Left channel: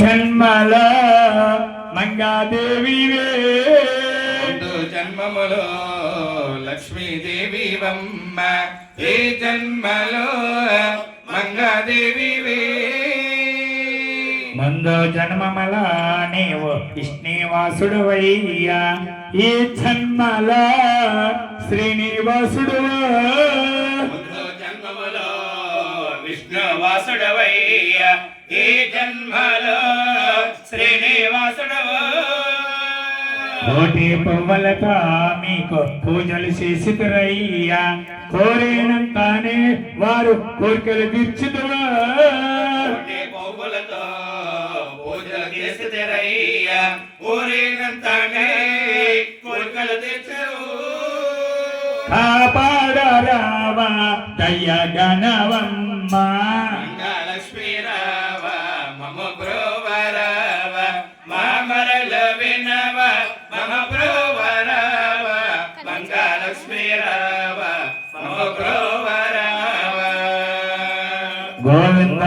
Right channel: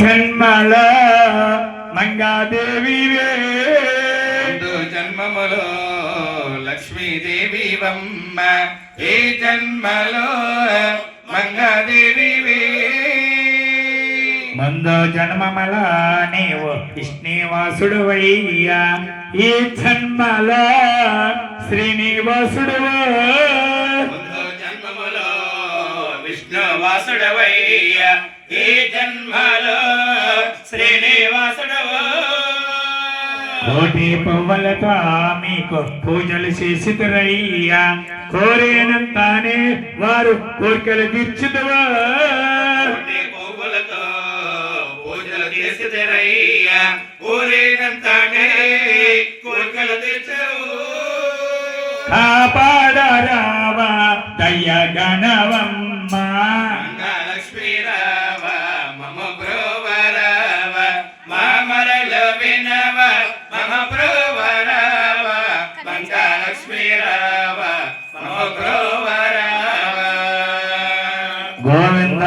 జన్మలో మంగాదేవివే జన్మములో లక్ష్మీదేవి వమ్మ ఏ జన్మలో మంగాదేవివే ముందు జన్మమల నీవు విష్ణువాసుడు వయ్యా ఈ జన్మలో శ్రీనివాసుడు ముందు జన్మములో విష్ణువాసుడవయ్యా ఈ జన్మలో శ్రీనివాసుడు కోటి పువ్వులతో మీకు పూజలు చేసిరయ్యా కోరేనంతానే వారు కోరికలు తీర్చుదువా పువ్వులతో పూజలు చేసిరయ్యా కోరేనంతానే కోరికలు తీర్చు కాపాడరావా దయ గణవమ్మ లక్ష్మీ రావ మమ బ్రోవరావ మామరల వినవ మమ బ్రోవరావ మంగళక్ష్మీ రావ మమ బ్రోవరావ గోవింద